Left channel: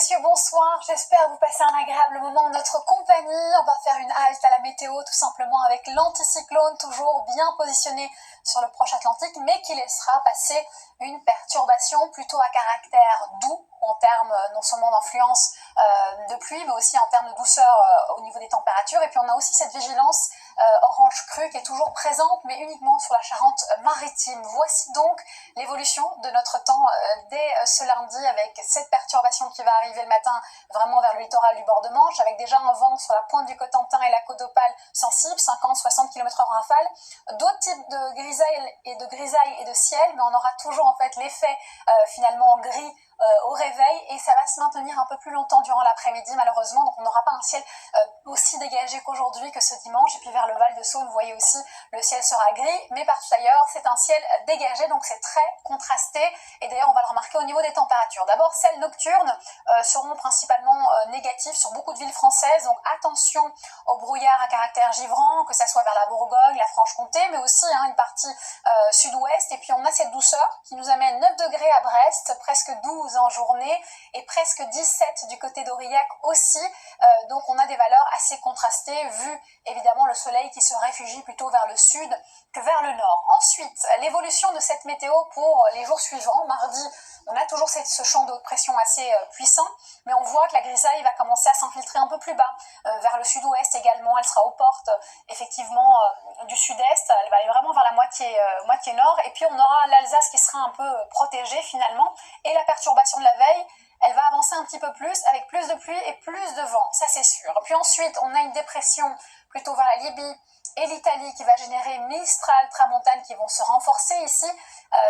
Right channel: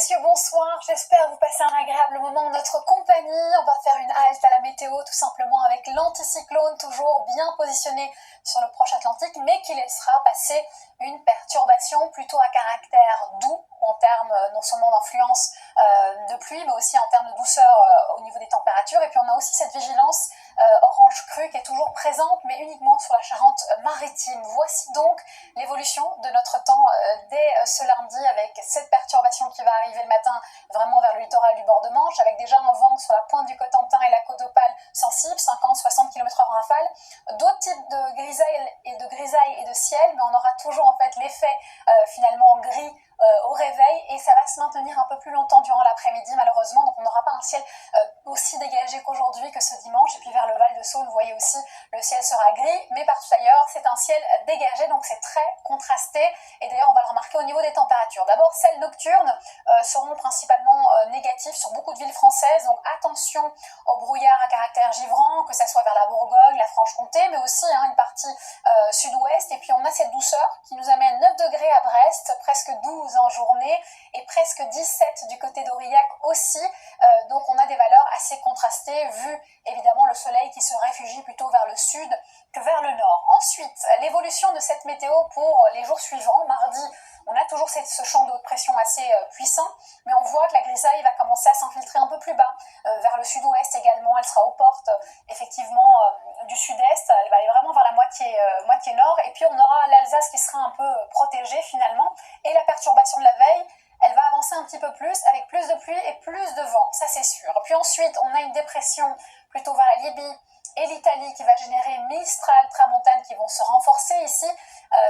messieurs, bonsoir. J'espère vous passer un agréable moment en notre compagnie. On va faire une halte à la météo tout simplement avec l'anticyclone toujours bien positionné sur le proche Atlantique, mais qui laissera passer une perturbation plutôt à caractère doux en termes non seulement d'influence de pluie, mais aussi en termes de douceur au niveau des températures. Et puis on a aussi cette vigilance orange crue qui est toujours présente, mais uniquement sur la Charente-Maritime. Voici donc l'évolution de notre temps dès ce lundi avec cette perturbation qui va arriver le matin vraiment vers le littoral du bord de Manche, avec déjà un vent sur la pointe du Cotentin et la côte d'Opale sensible, 50-60 km/h en rafale, d'autres types de grisailles et de ciel, mais on aura toujours en fait l'effet finalement gris au réveil, et ça va se maintenir un peu plus longtemps durant l'après-midi malheureusement, donc on n'aura pas un ciel aussi dégagé qu'aujourd'hui, que ce dimanche. Et puis vers le Val de Saône, vous voyez aussi, le ciel sera gris, mais partout ailleurs c'est un ciel dégagé, donc c'est très contrasté. Et d'ailleurs on va le remarquer au niveau des températures. D'abord, celles nocturnes seront principalement négatives sur beaucoup de villes françaises, donc attention au brouillard à caractère givrant, que ça soit vers la Bourgogne, la Franche-Comté, mais aussi une partie sud-ouest. Et puis on a cette douceur qui nous amène 9 degrés à Brest, presque 12 en journée, et presque 17 du côté d'Aurillac aussi. Donc on a des valeurs assez contrastées, vu évidemment le soleil qui se réfugie plutôt vers le sud que vers le nord. Ensuite, l'évolution de cette météo pour les jours suivants. Mardi, on a toujours ce champ de haute pression assez puissant, mais on voit que la grisaille va commencer à s'infiltrer un peu plus bas, vers le sud-ouest également. Elle sera aux portes effectivement du sud-est, elle va aller vraiment vers la moitié nord, et puis on aura l'Alsace qui sera un peu protégée finalement, et la perturbation de la veille, elle va avancer un petit peu plus, avec plus de pluie et plus de vent, ça c'est sûr. Puis ensuite, on a une dépression plutôt vers la Libye et l'Italie qui va générer Mistral, Tramontane qui vont se renforcer ici,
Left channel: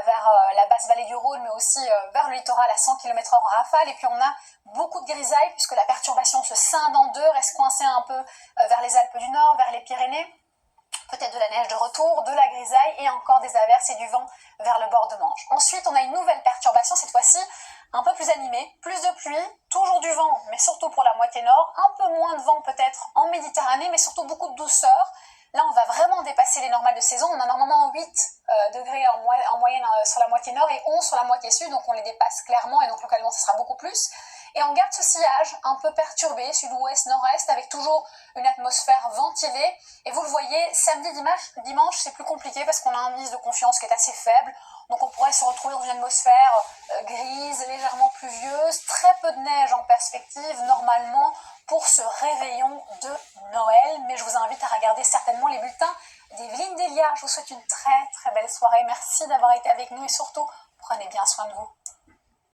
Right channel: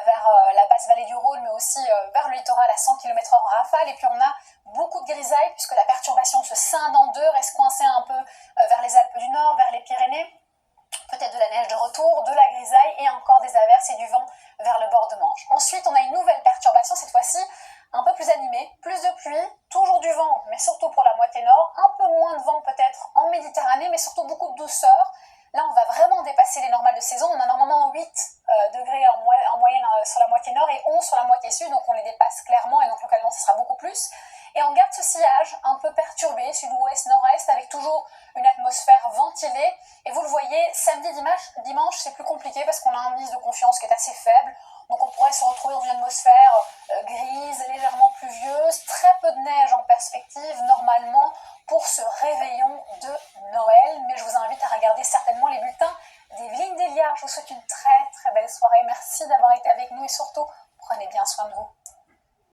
vers la basse vallée du Rhône, mais aussi vers le littoral à 100 km/h en rafale. Et puis on a beaucoup de grisailles, puisque la perturbation se scinde en deux, reste coincée un peu vers les Alpes du Nord, vers les Pyrénées. Peut-être de la neige de retour, de la grisaille et encore des averses et du vent vers le bord de Manche. Ensuite, on a une nouvelle perturbation, cette fois-ci un peu plus animée, plus de pluie, toujours du vent, mais surtout pour la moitié nord, un peu moins de vent peut-être en Méditerranée, mais surtout beaucoup de douceur. Là, on va vraiment dépasser les normales de saison. On a normalement 8 degrés en moyenne sur la moitié nord et 11 sur la moitié sud, donc on les dépasse clairement, et donc localement, ce sera beaucoup plus. Et on garde ce sillage un peu perturbé, sud-ouest, nord-est, avec toujours une atmosphère ventilée. Et vous le voyez, samedi, dimanche, c'est plus compliqué parce qu'on a un indice de confiance qui est assez faible. Donc on pourrait se retrouver dans une atmosphère grise, légèrement pluvieuse, très peu de neige en perspective normalement pour ce réveillon de Noël. Mais je vous invite à regarder certainement les bulletins d'Evelyne Delia. Je vous souhaite une très très belle soirée. Merci d'avoir été avec nous et surtout, prenez bien soin